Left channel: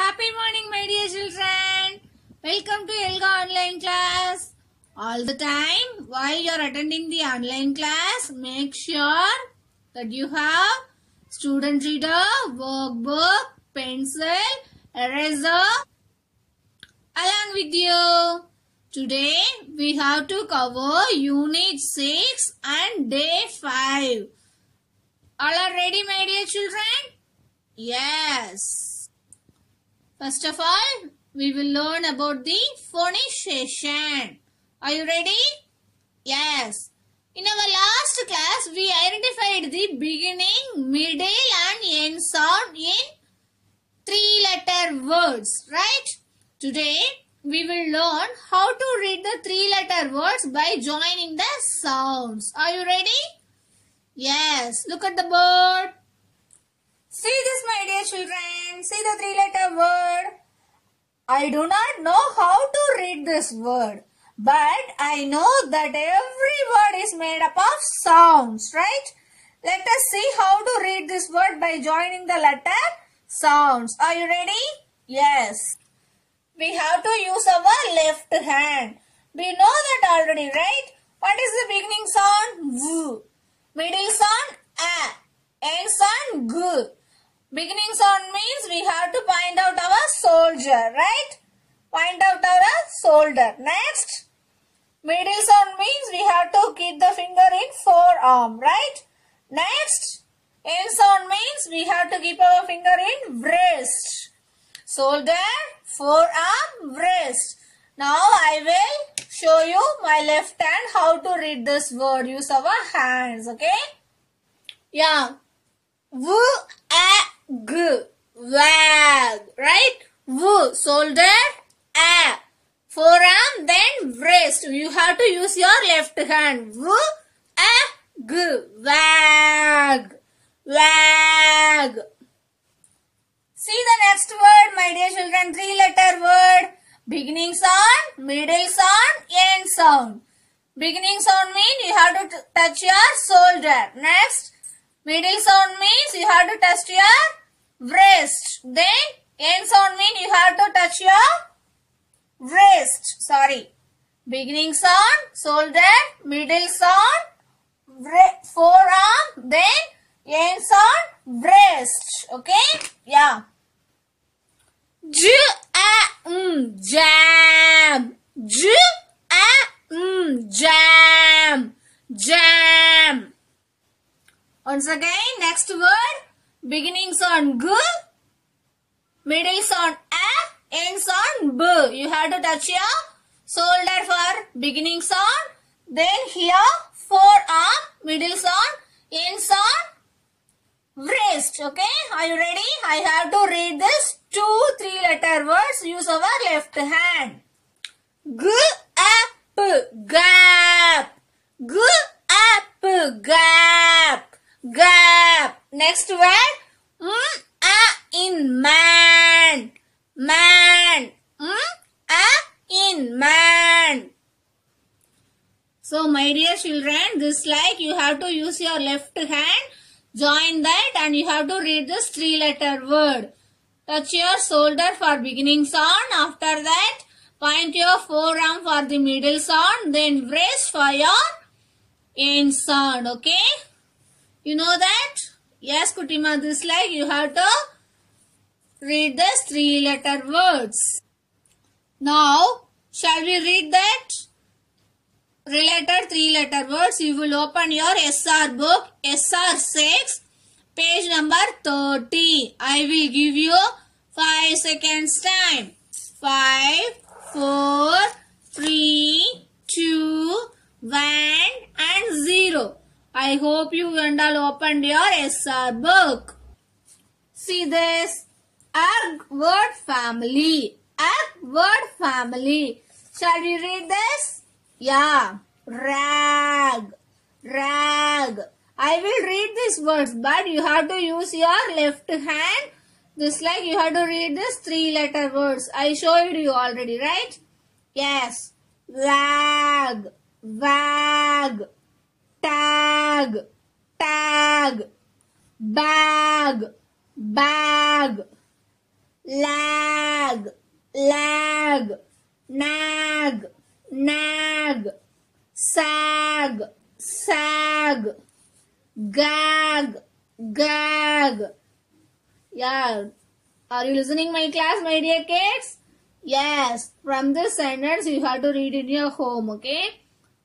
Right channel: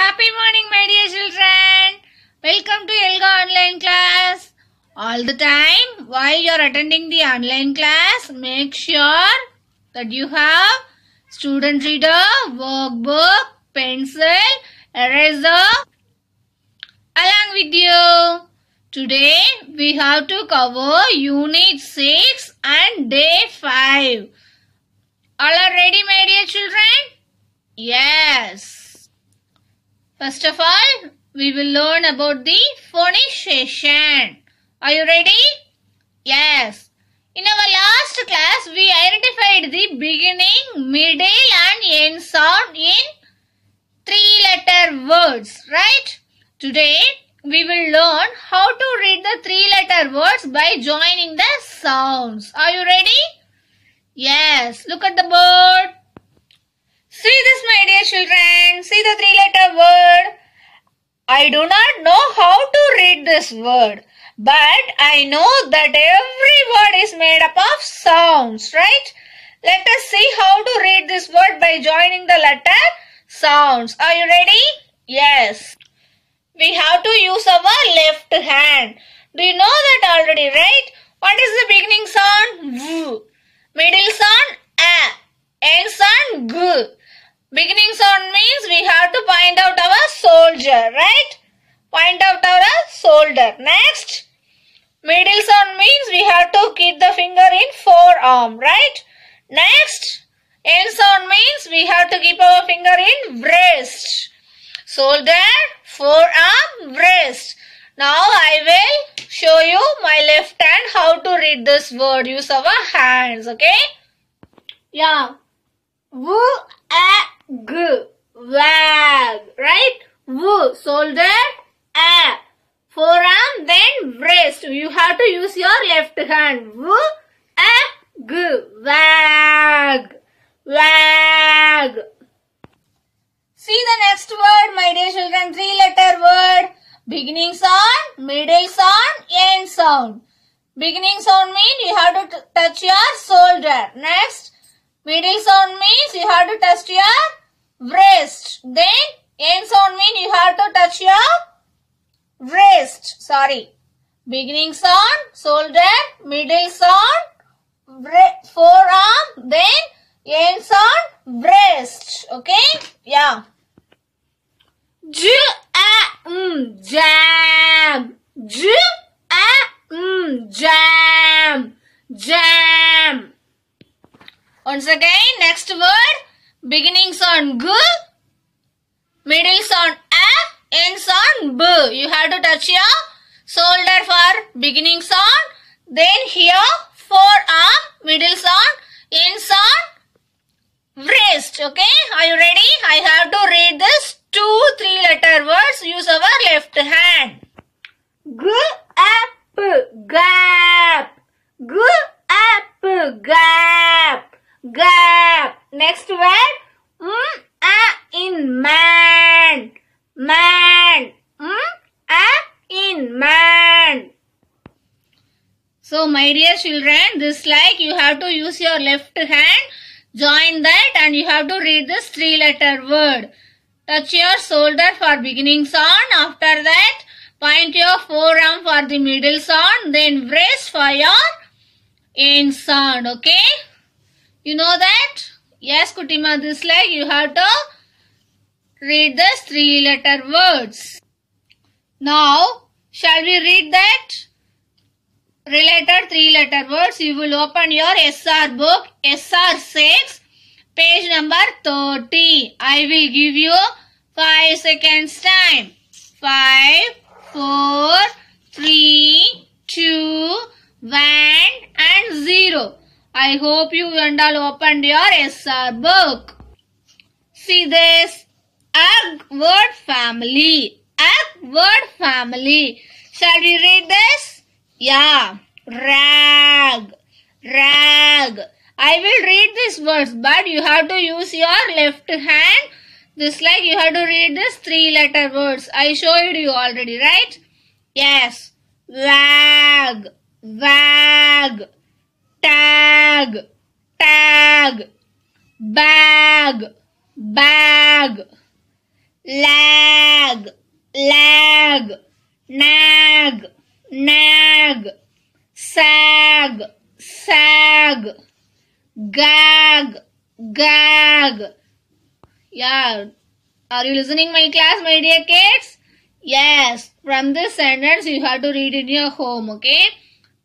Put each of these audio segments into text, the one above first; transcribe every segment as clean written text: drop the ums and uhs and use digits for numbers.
Happy morning, my dear children. Welcome to Elga online class. All the time, while you are attending the online class, make sure that you have student reader, workbook, pencil, eraser along with you. Today, we have to cover Unit 6 and Day 5. All are ready, my dear children? Yes. First of all, we will learn about the phonization. Are you ready? Yes. In our last class, we identified the beginning, middle and end sound in 3-letter words, right? Today, we will learn how to read the 3-letter words by joining the sounds. Are you ready? Yes. Look at the board. See this, my dear children. See the 3-letter word. I do not know how to read this word, but I know that every word is made up of sounds, right? Let us see how to read this word by joining the letter sounds. Are you ready? Yes. We have to use our left hand. Do you know that already, right? What is the beginning sound? V. Middle sound? A. End sound? G. Beginning sound means we have to point out our soldier, right? Point out our shoulder. Next, middle sound means we have to keep the finger in forearm, right? Next, end sound means we have to keep our finger in wrist. Shoulder, forearm, wrist. Now I will show you my left hand how to read this word. Use our hands, okay? Yeah. V, A, G, wag, right? V, shoulder, A, forearm, then wrist. You have to use your left hand. V, A, G, wag, wag. See the next word, my dear children, 3-letter word. Beginning sound, middle sound, end sound. Beginning sound means you have to touch your shoulder. Next, middle sound means you have to touch your wrist. Then end sound means you have to touch your wrist. Sorry. Beginning sound, shoulder, middle sound, forearm, then end sound, wrist. Okay? Yeah. J, A, jam. J, A, jam. Jam. Once again, next word. Beginning sound G, middle sound A, end sound B. You have to touch your shoulder for beginning sound. Then here, forearm, middle sound, end sound, wrist. Okay, are you ready? I have to read this 2 3-letter words. Use our left hand. G, A, P, gap. G, A, P, gap. Gap. Next word. In man. Man. In man. So my dear children, this like you have to use your left hand. Join that and you have to read this 3-letter word. Touch your shoulder for beginning sound. After that, point your forearm for the middle sound. Then wrist for your end sound. Okay? You know that? Yes, Kutima, this like you have to read this 3-letter words. Now, shall we read that related 3-letter words? You will open your SR book, SR 6, page number 30. I will give you 5 seconds time. 5, 4, 3, 2, 1 and 0. I hope you and all opened your SR book. See this. Egg word family. Egg word family. Shall we read this? Yeah. Rag. Rag. I will read these words, but you have to use your left hand. This like you have to read this 3-letter words. I showed you already, right? Yes. Wag. Wag. Tag, tag, bag, bag, lag, lag, lag, nag, nag, sag, sag, gag, gag. Yeah, are you listening my class, my dear kids? Yes, from this sentence you have to read in your home, okay?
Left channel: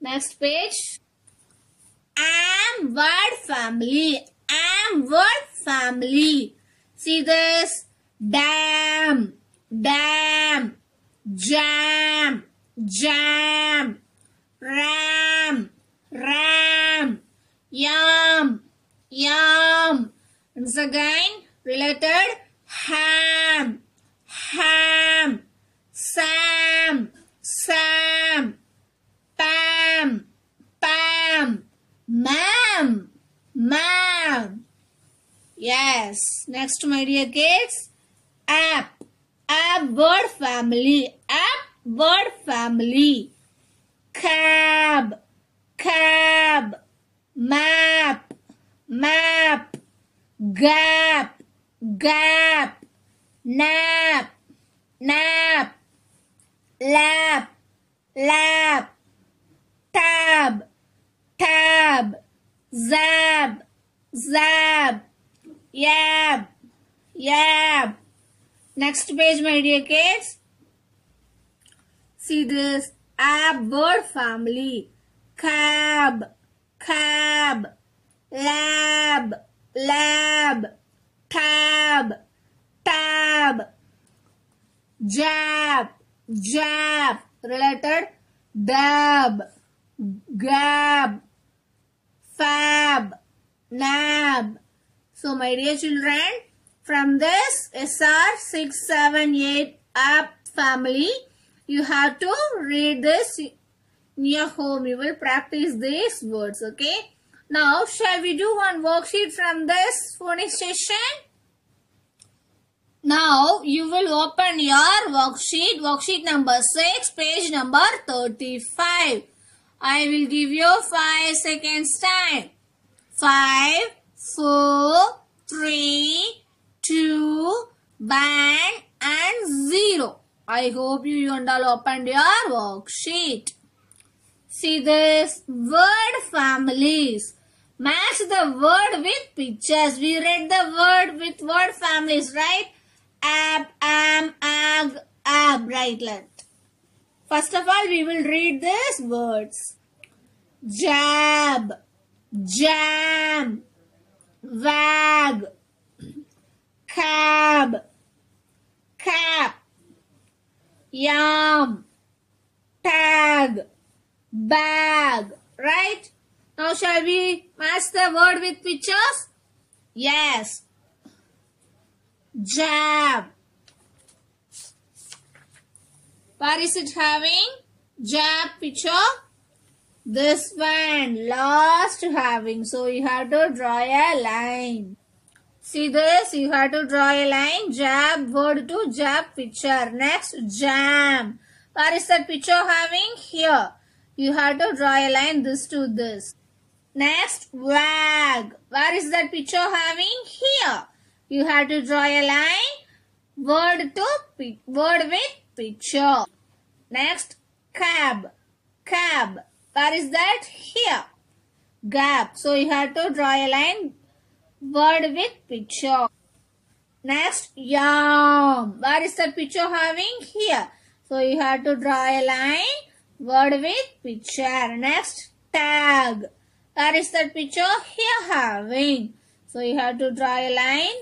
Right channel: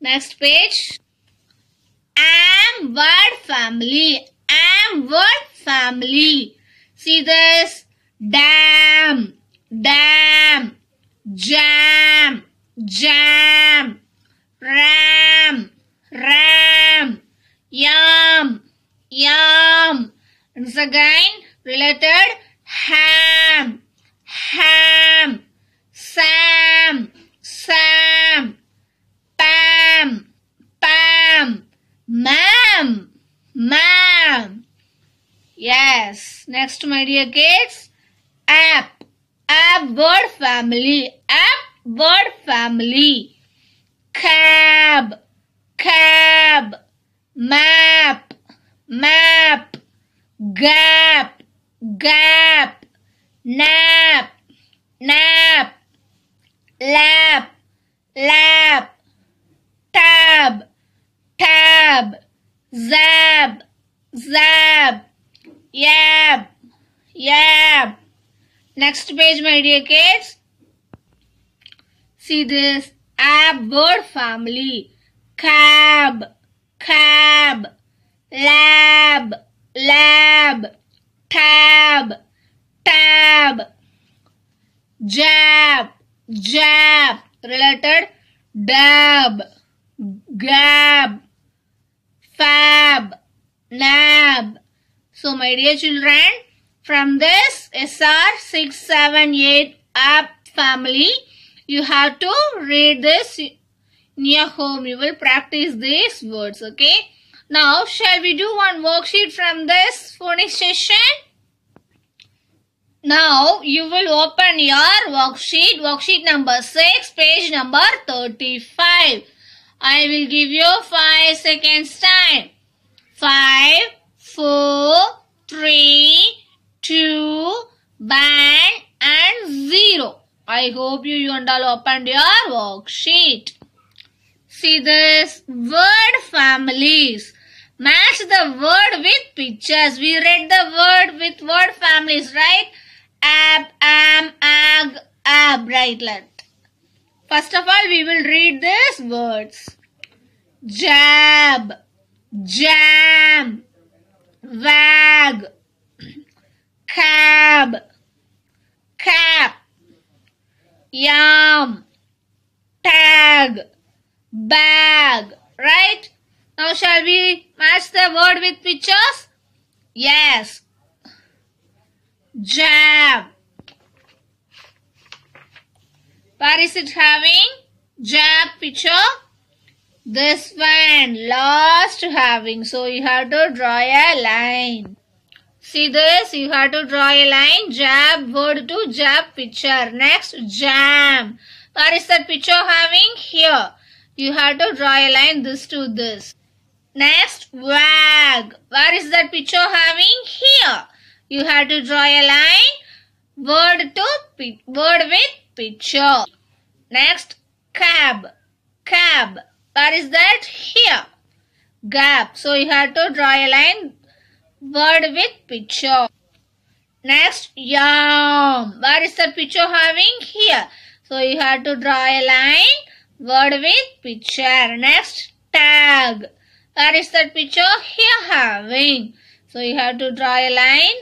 Next page. Am word family. Am word family. See this? Dam, dam, jam, jam, ram, ram, yam, yam. Once again, related ham, ham, sam, sam, pam, pam, ma'am, ma'am. Yes. Next, my dear kids, app, app word family, app word family. Cab, cab, map, map, gap, gap, nap, nap, lap, lap, tab, tab, zab, zab, yab, yab. Next page, my dear kids. See this? App word family. Cab, cab, lab, lab, tab, tab, jab, jab, related dab, gab, fab, nab. So my dear children, from this SR 678 app family, you have to read this in your home. You will practice these words, okay? Now, shall we do one worksheet from this phonics session? Now, you will open your worksheet number 6, page number 35. I will give you 5 seconds time. 5, 4, 3, 2, band and 0. I hope you all opened your worksheet. See this? Word families. Match the word with pictures. We read the word with word families, right? Ab, am, ag, ab, right? First of all, we will read these words. Jab, jam, wag, cab, cap, yam, tag, bag, right? Now shall we match the word with pictures? Yes. Jab. Where is it having? Jab picture. This one last having. So you have to draw a line. See this? You have to draw a line. Jab word to jab picture. Next, jam. Where is that picture having? Here. You have to draw a line this to this. Next, wag. Where is that picture having? Here. You have to draw a line. Word with picture. Next, cab. Cab. Where is that? Here. Gap. So you have to draw a line. Word with picture. Next, yam. Where is that picture having? Here. So you have to draw a line. Word with picture. Next, tag. Where is that picture? Here having. So you have to draw a line.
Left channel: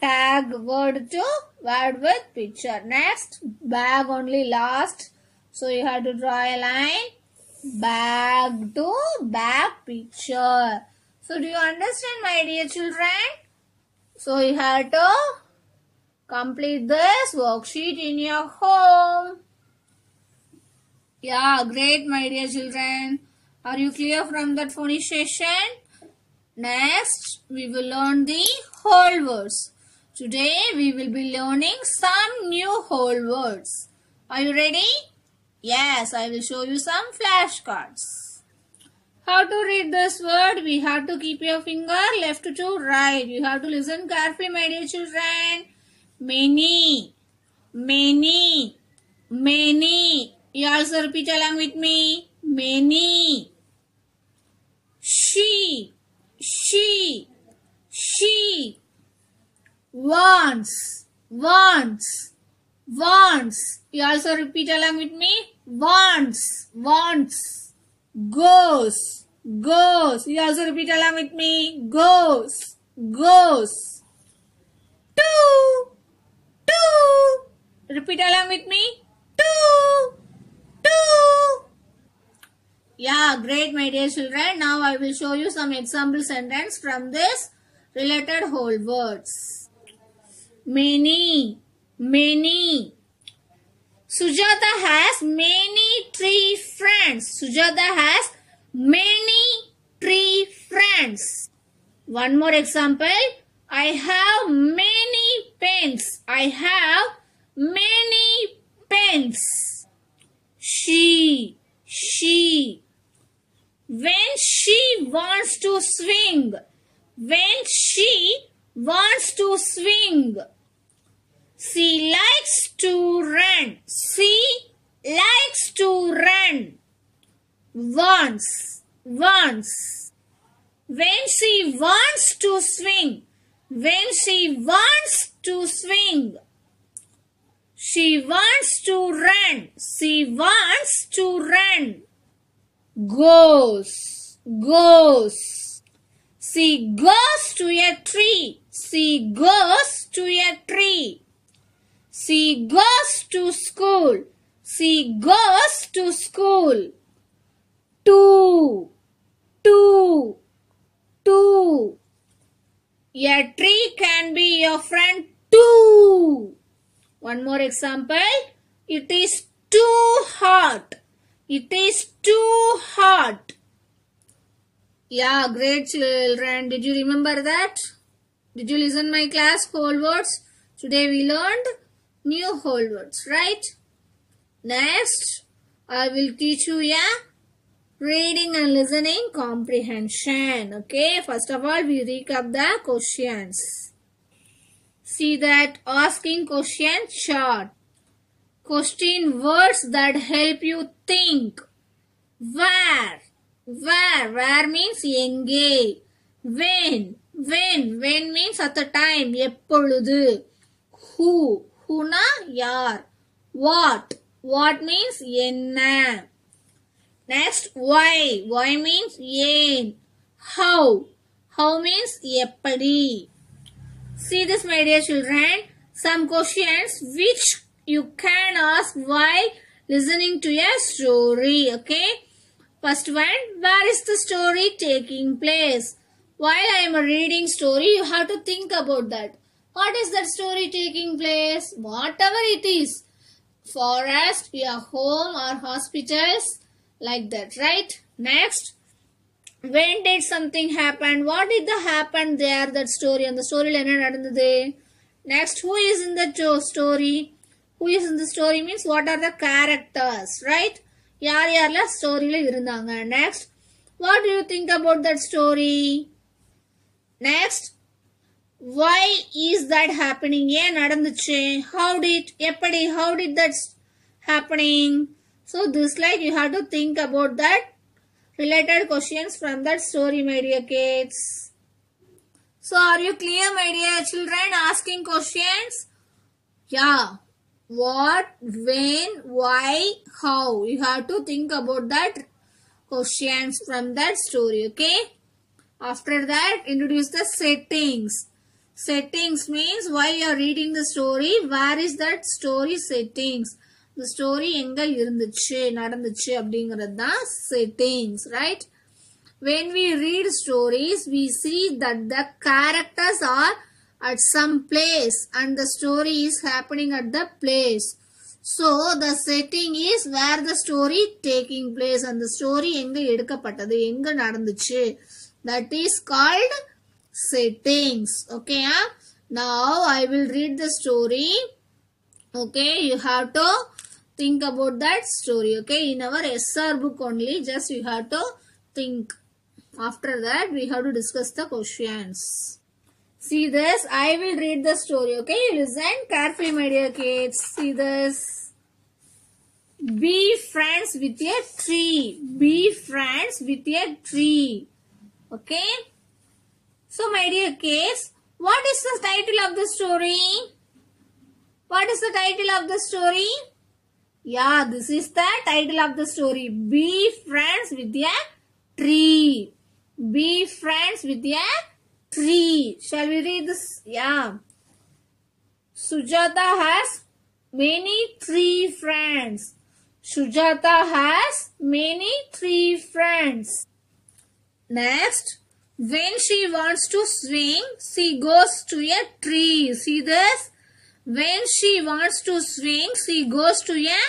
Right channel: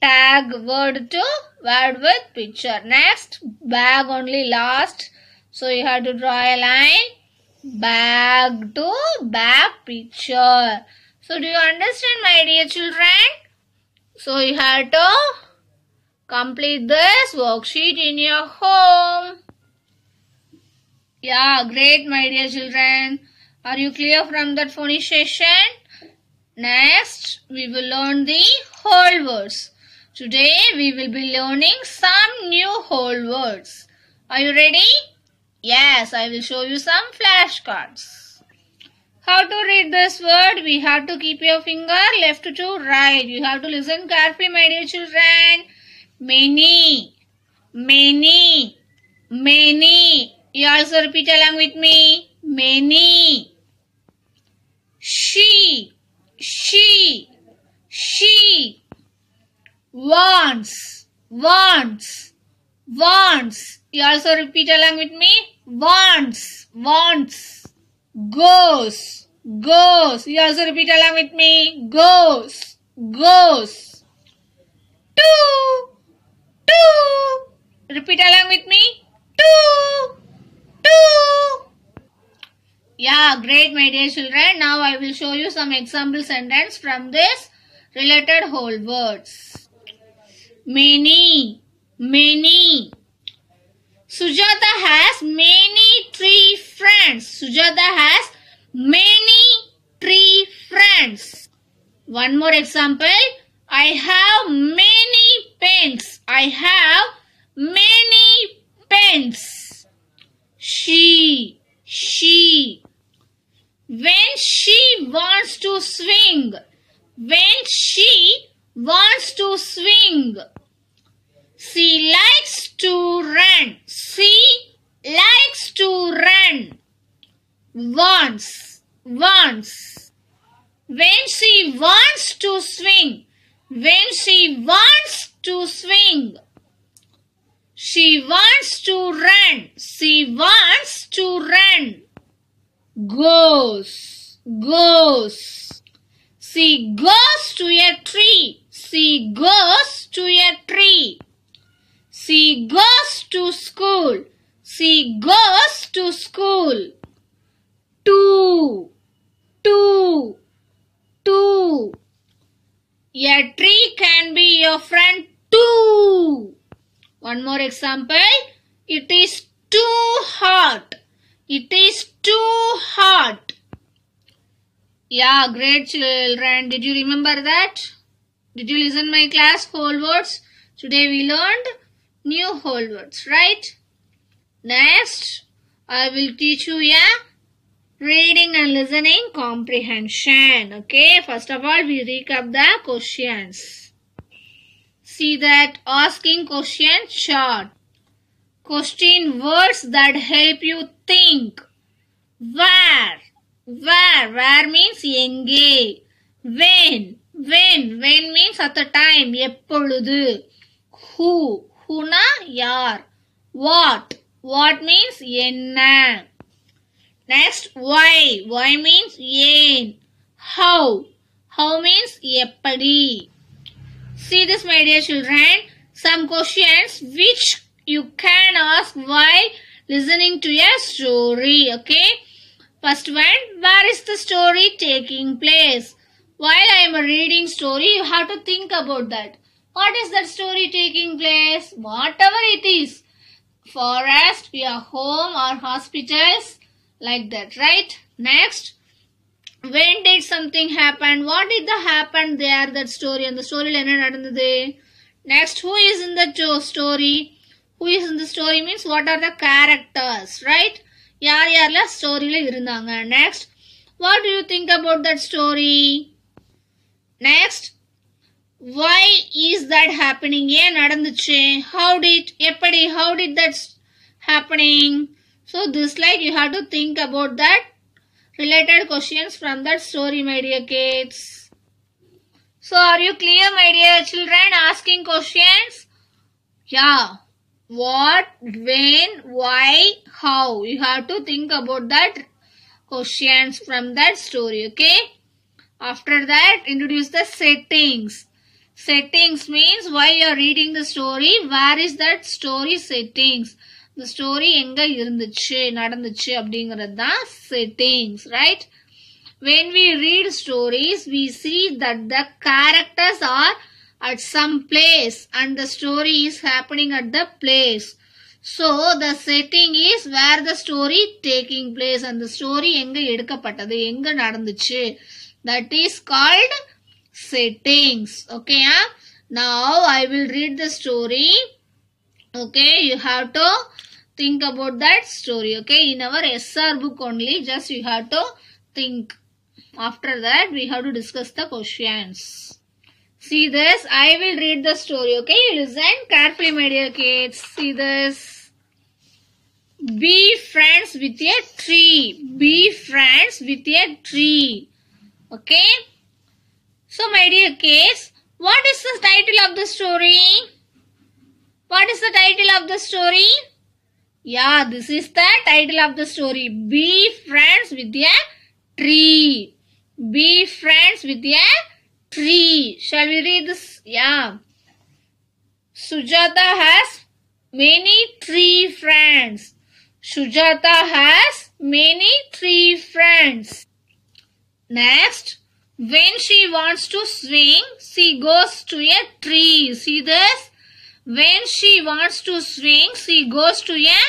Tag word to word with picture. Next, bag only last. So you have to draw a line. Bag to bag picture. So do you understand, my dear children? So you have to complete this worksheet in your home. Yeah, great, my dear children. Are you clear from that phonics session? Next, we will learn the whole words. Today, we will be learning some new whole words. Are you ready? Yes, I will show you some flashcards. How to read this word? We have to keep your finger left to right. You have to listen carefully, my dear children. Many, Many. Many. You also repeat along with me. Many. She. She. She. Wants. Wants. Wants. You also repeat along with me. Wants. Wants. Goes. Goes. You also repeat along with me. Goes. Goes. Two. Two. Repeat along with me. Two. Two. Yeah, great, my dear children. Now I will show you some example sentence from this related whole words. Many. Many. Sujata has many tree friends. Sujata has many tree friends. One more example. I have many pens. I have many pens. She. When she wants to swing. When she wants to swing. She likes to run. She likes to run. Wants. Wants. When she wants to swing. When she wants to swing. She wants to run. She wants to run. Goes. Goes. She goes to a tree. She goes to a tree. She goes to school. She goes to school. Two. Two. Two. A tree can be your friend too. One more example. It is too hot. It is too hot. Yeah, great children. Did you remember that? Did you listen my class whole words? Today we learned new whole words, right? Next, I will teach you a reading and listening comprehension. Okay, first of all, we recap the questions. See that asking question chart. Question words that help you think. Where? Where means enge. When means at the time. Eppoludu. Who na yar. What means enna. Next, why means yen. How means eppadi. See this, my dear children, some questions which you can ask while listening to a story. Okay, first one, where is the story taking place? While I am reading story, you have to think about that. What is that story taking place? Whatever it is, forest, your home or hospitals, like that, right? Next, when did something happen? What did happen there? That story and the story line. Next, who is in the story? Who is in the story means what are the characters, right? Yaar story la irundanga. Next, what do you think about that story? Next, why is that happening? Yen nadanduche? How did that happening? So this like you have to think about that related questions from that story, my dear kids. So are you clear, my dear children, asking questions? Yeah. What, when, why, how. You have to think about that questions from that story, okay? After that, introduce the settings. Settings means while you are reading the story, where is that story settings? The story enga irunduchu nadanduchu அப்படிங்கிறது தான் settings, right? When we read stories, we see that the characters are at some place and the story is happening at the place. So the setting is where the story taking place and the story enga எடுக்கப்பட்டது enga நடந்துச்சு. That is called settings. Okay, now I will read the story. Okay, you have to think about that story. Okay, in our SR book only, just you have to think. After that, we have to discuss the questions. See this. I will read the story. Okay, you listen carefully, my dear kids. See this. Be friends with a tree. Be friends with a tree. Okay. So, my dear kids, what is the title of the story? What is the title of the story? Yeah, this is the title of the story. Be friends with a tree. Be friends with a tree. Shall we read this? Yeah. Sujata has many tree friends. Sujata has many tree friends. Next, when she wants to swing, she goes to a tree. See this? When she wants to swing, she goes to a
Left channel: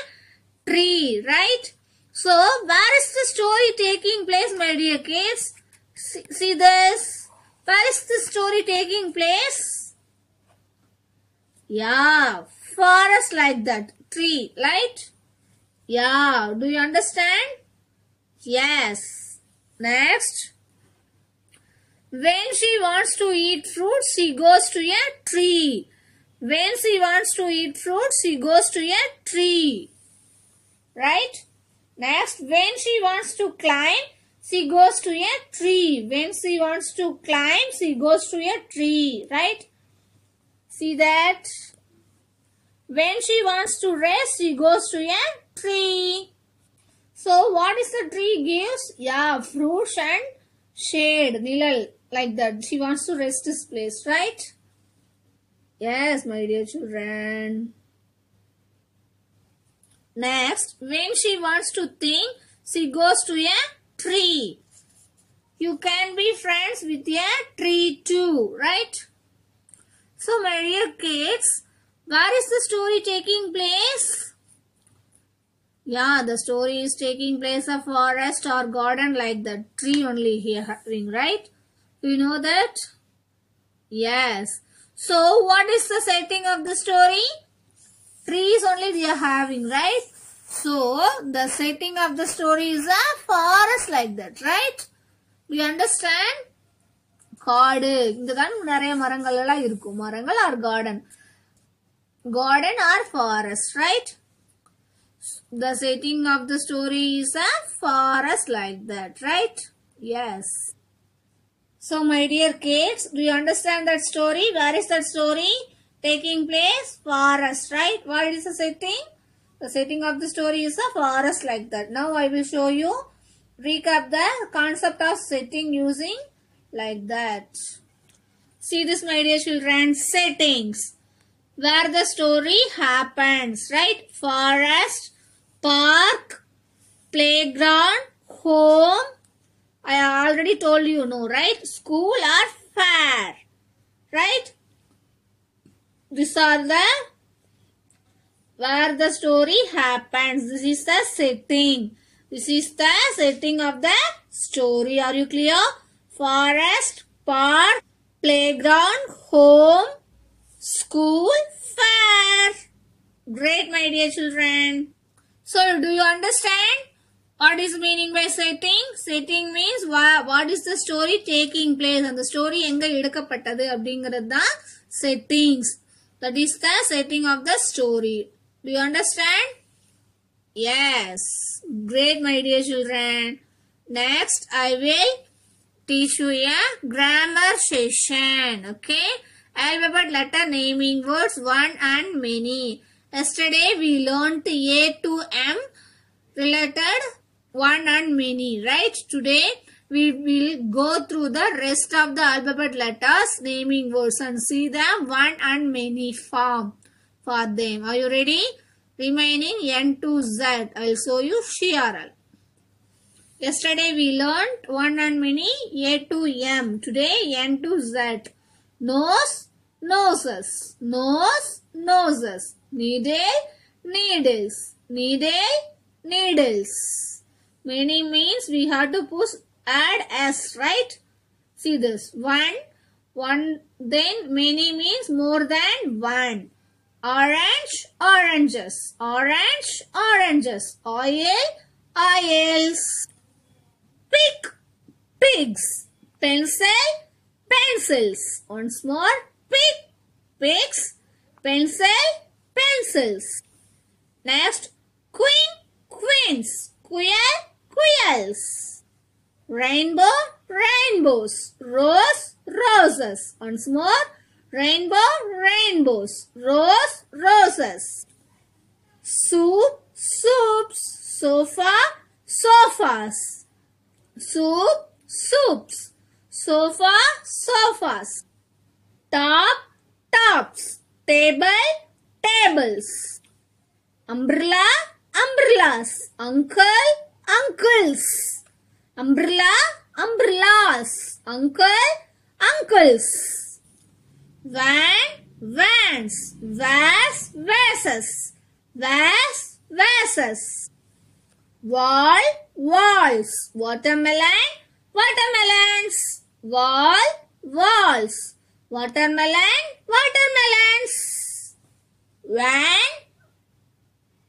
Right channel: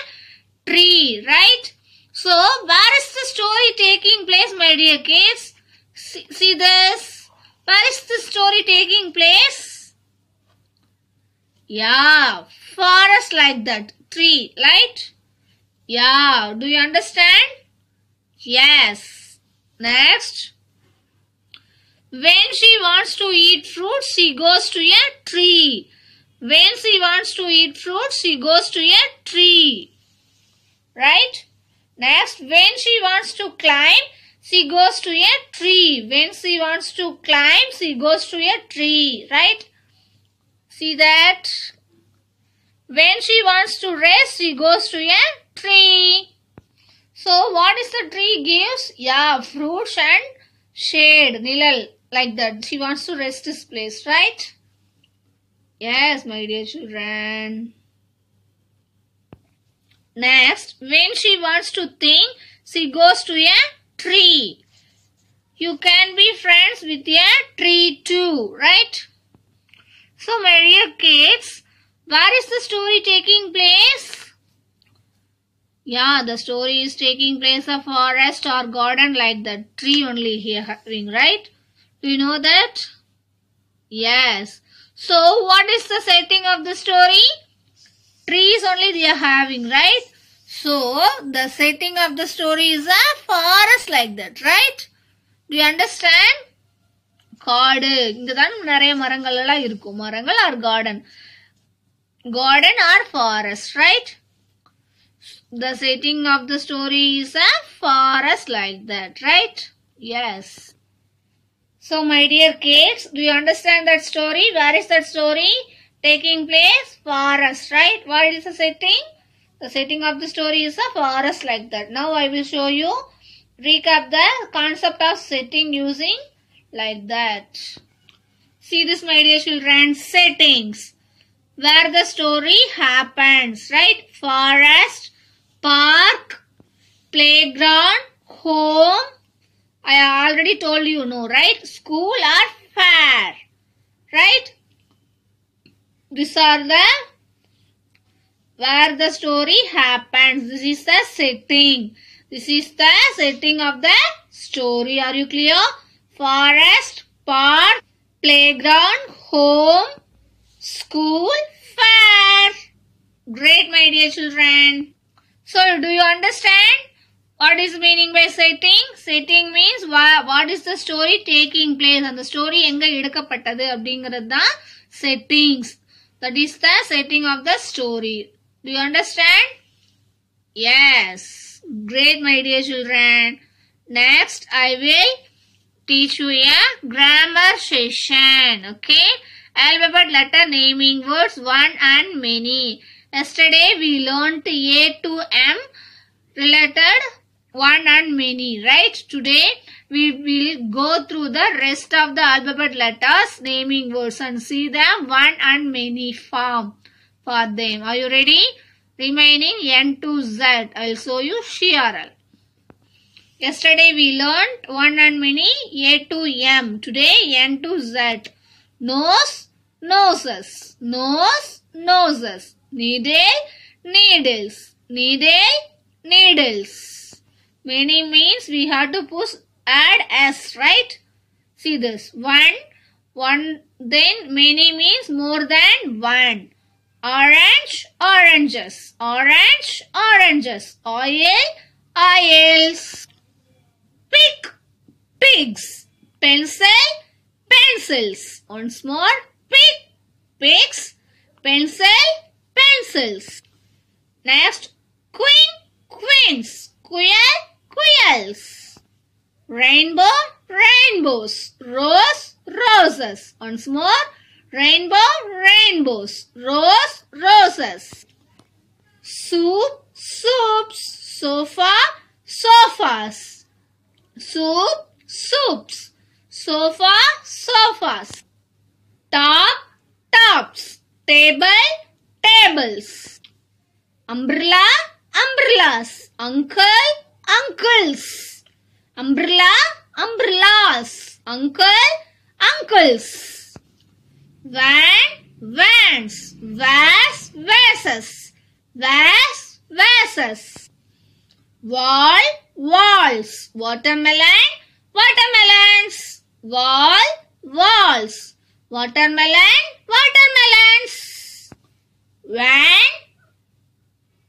tree, right? So, where is the story taking place, my dear kids? See this? Where is the story taking place? Yeah, forest like that. Tree, right? Yeah, do you understand? Yes. Next. When she wants to eat fruit, she goes to a tree. When she wants to eat fruit, she goes to a tree. Right? Next, when she wants to climb, she goes to a tree. When she wants to climb, she goes to a tree. Right? See that? When she wants to rest, she goes to a tree. So, what is the tree gives? Yeah, fruits and shade, nilal, like that. She wants to rest this place, right? Yes, my dear children. Next, when she wants to think, she goes to a tree. You can be friends with a tree too, right? So, my dear kids, where is the story taking place? Yeah, the story is taking place a forest or garden like that. Tree only here having, right? Do you know that? Yes. So, what is the setting of the story? Trees only they are having, right? So, the setting of the story is a forest like that, right? Do you understand? காடு இங்கதான் நிறைய மரங்கள் எல்லாம் இருக்கும். மரங்கள் or garden. Garden or forest, right? The setting of the story is a forest like that, right? Yes. So, my dear kids, do you understand that story? Where is that story taking place? Forest, right? What is the setting? The setting of the story is a forest like that. Now, I will show you, recap the concept of setting using like that. See this, my dear children, settings. Where the story happens, right? Forest, park, playground, home. I already told you, no, right? School or fair, right? These are the where the story happens. This is the setting. This is the setting of the story. Are you clear? Forest, park, playground, home, school, fair. Great, my dear children. So, do you understand what is meaning by setting? Setting means what is the story taking place. And the story enga edukkapattadu அப்படிங்கிறது தான் settings. That is the setting of the story. Do you understand? Yes. Great, my dear children. Next, I will teach you a grammar session. Okay? Alphabet letter naming words, one and many. Yesterday, we learned A to M related one and many, right? Today, we will go through the rest of the alphabet letters naming words and see them one and many form for them. Are you ready? Remaining N to Z. I will show you CRL. Yesterday we learned one and many A to M. Today N to Z. Nose, noses. Nose, noses. Needle, needles. Needle, needles. Many means we have to add S, right? See this. One, then many means more than one. Orange, oranges. Orange, oranges. Oil, oils. Pick, pigs. Pencil, pencils. Once more, pick, picks, pencil, pencils. Next, queen, queens, quail, quails. Rainbow, rainbows, rose, roses. Once more, rainbow, rainbows, rose, roses. Soup, soups, sofa, sofas. Soup, soups, sofa, sofas. Top, tops, table, tables. Umbrella, umbrellas, uncle, uncles. Umbrella, umbrellas, uncle, uncles. Van, vans, vase, vases, vase, vases. Wall, walls, watermelon, watermelons. Wall, walls, watermelon, watermelons. Van,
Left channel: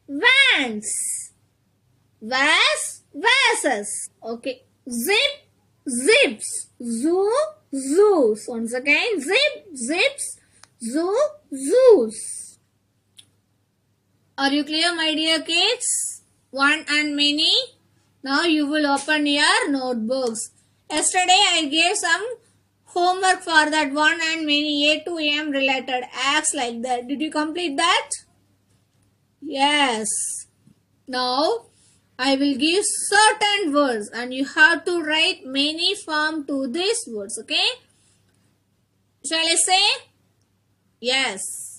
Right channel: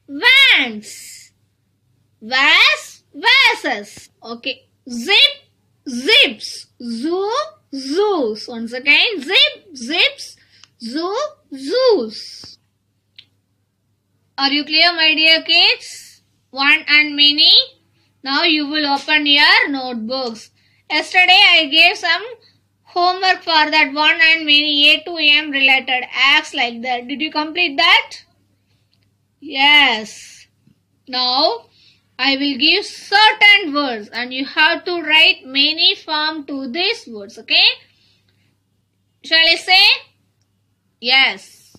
vans, vase, vases. Okay. Zip, zips, zoo, zoos. Once again, zip, zips, zoo, zoos. Are you clear, my dear kids? One and many. Now you will open your notebooks. Yesterday I gave some homework for that one and many A to M related acts like that. Did you complete that? Yes. Now I will give certain words and you have to write many form to these words. Okay? Shall I say? Yes.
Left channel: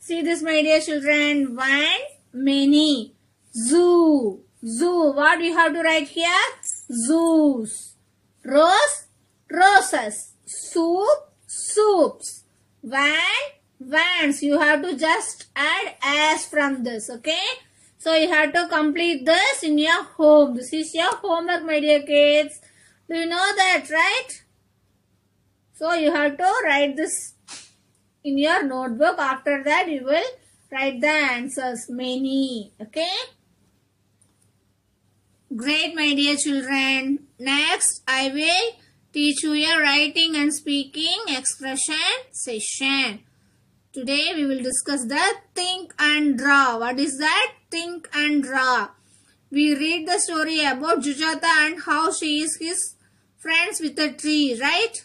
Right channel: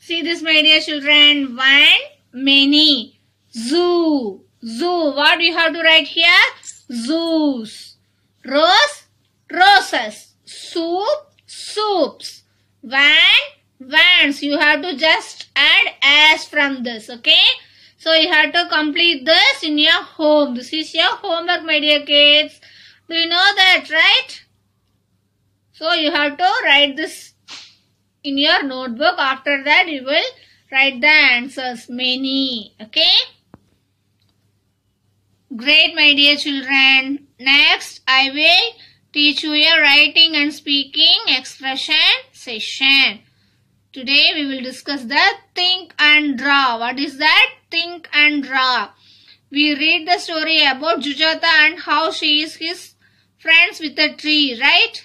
See this, my dear children. One, many. Zoo. Zoo. What do you have to write here? Zoos. Rose, roses. Soup, soups. Van, vans. You have to just add as from this. Okay? So you have to complete this in your home. This is your homework, my dear kids. Do you know that, right? So you have to write this in your notebook. After that you will write the answers. Many. Okay? Great, my dear children. Next, I will teach you a writing and speaking expression session. Today we will discuss the think and draw. What is that? Think and draw. We read the story about Jujata and how she is his friends with a tree, right?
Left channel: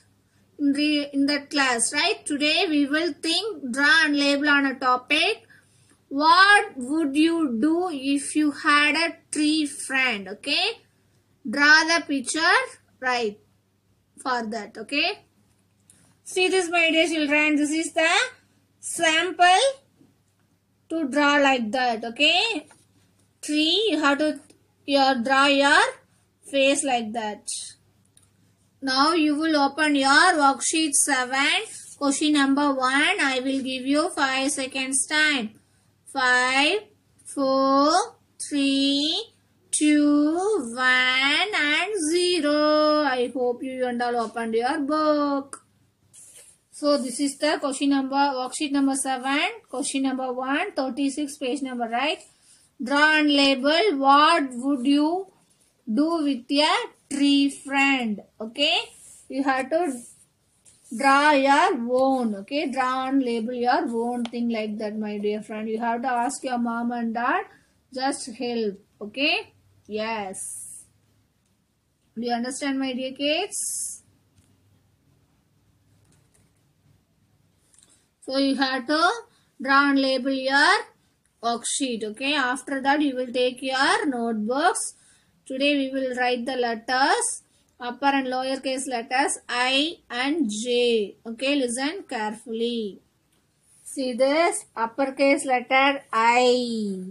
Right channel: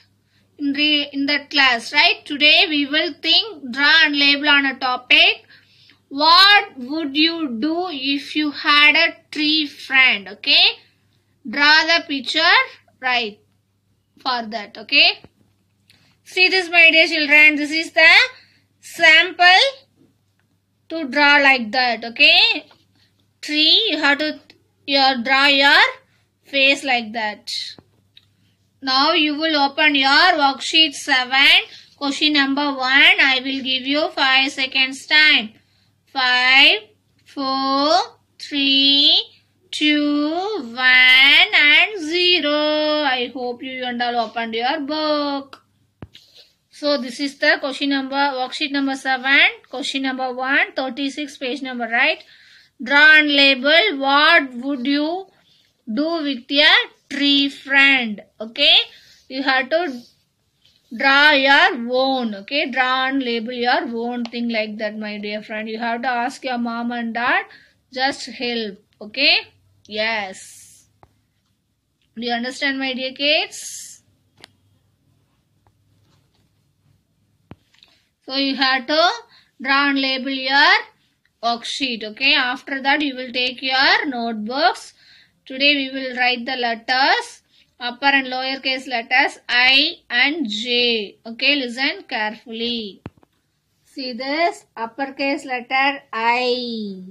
In that class, right? Today we will think, draw and label on a topic. What would you do if you had a tree friend? Okay? Draw the picture, right? For that, okay? See this, my dear children. This is the sample to draw like that, okay? Tree, you have to draw your face like that. Now you will open your worksheet 7, question number 1. I will give you 5 seconds time. 5, 4, 3, 2, 1 and 0. I hope you and all opened your book. So this is the question number, worksheet number 7, question number 1, 36 page number, right? Draw and label. What would you do with your tree friend? Okay? You have to draw your own. Okay? Draw and label your own thing like that, my dear friend. You have to ask your mom and dad. Just help. Okay? Yes. Do you understand, my dear kids? So you have to draw and label your worksheet. Okay? After that you will take your notebooks. Today we will write the letters, upper and lower case letters I and J. Okay? Listen carefully. See this? Uppercase letter I.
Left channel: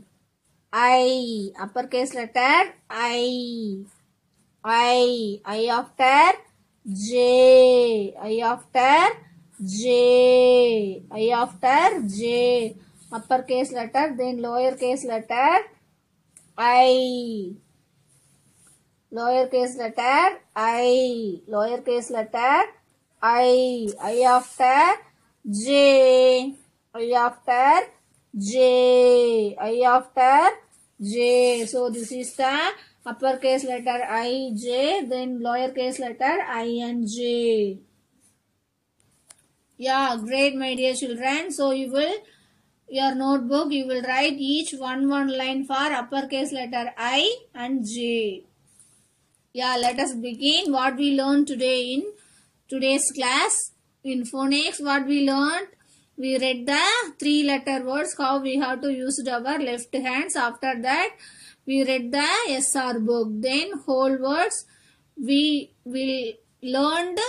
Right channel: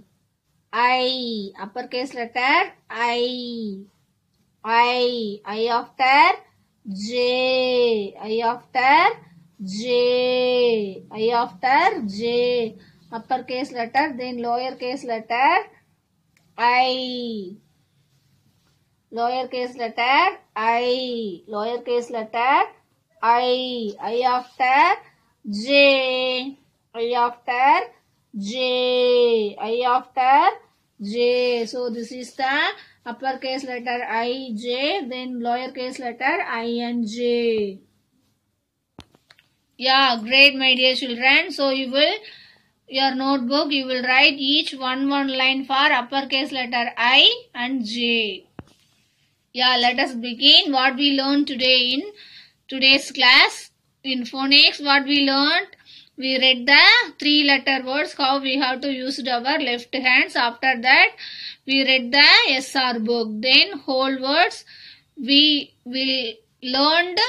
Uppercase letter I. I after J. I after J. I after J. Uppercase letter, then lowercase letter I. Lowercase letter I. Lowercase letter I. I after J. I after J. I after J. So this is the uppercase letter I, J, then lowercase letter I and J. Yeah, great, my dear children. So you will, your notebook, you will write each one line for uppercase letter I and J. Yeah, let us begin what we learned today in today's class. In phonics, what we learned, we read the 3-letter words, how we have to use our left hands. After that, we read the SR book. Then whole words, we will learned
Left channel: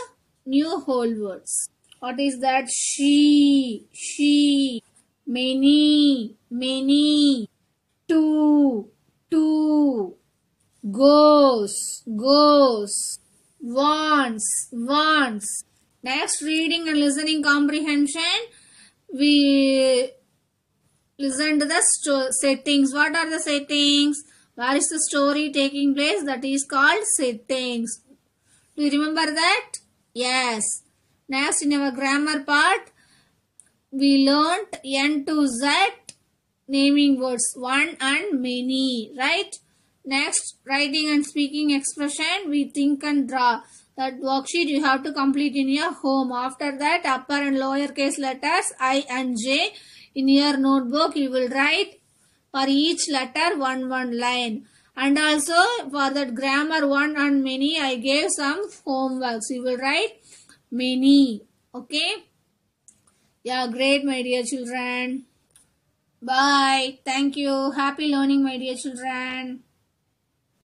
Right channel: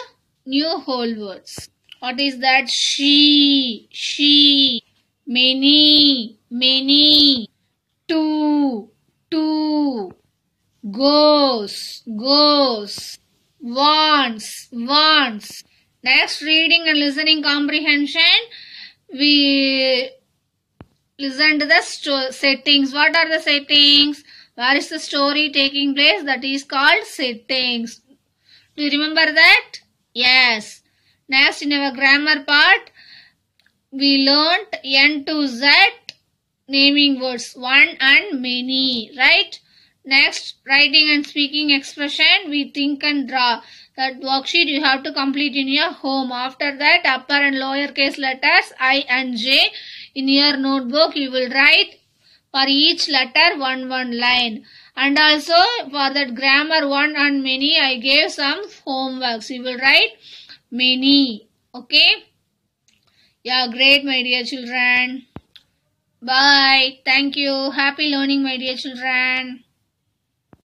new whole words. What is that? She, many, two, goes, wants. Next, reading and listening comprehension. We listen to the settings. What are the settings? Where is the story taking place? That is called settings. Do you remember that? Yes. Next, in our grammar part, we learnt N to Z naming words, one and many, right? Next, writing and speaking expression, we think and draw. That worksheet you have to complete in your home. After that, upper and lower case letters I and J. In your notebook, you will write for each letter one line. And also for that grammar one and many, I gave some homeworks. You will write many. Okay? Yeah, great, my dear children. Bye. Thank you. Happy learning, my dear children.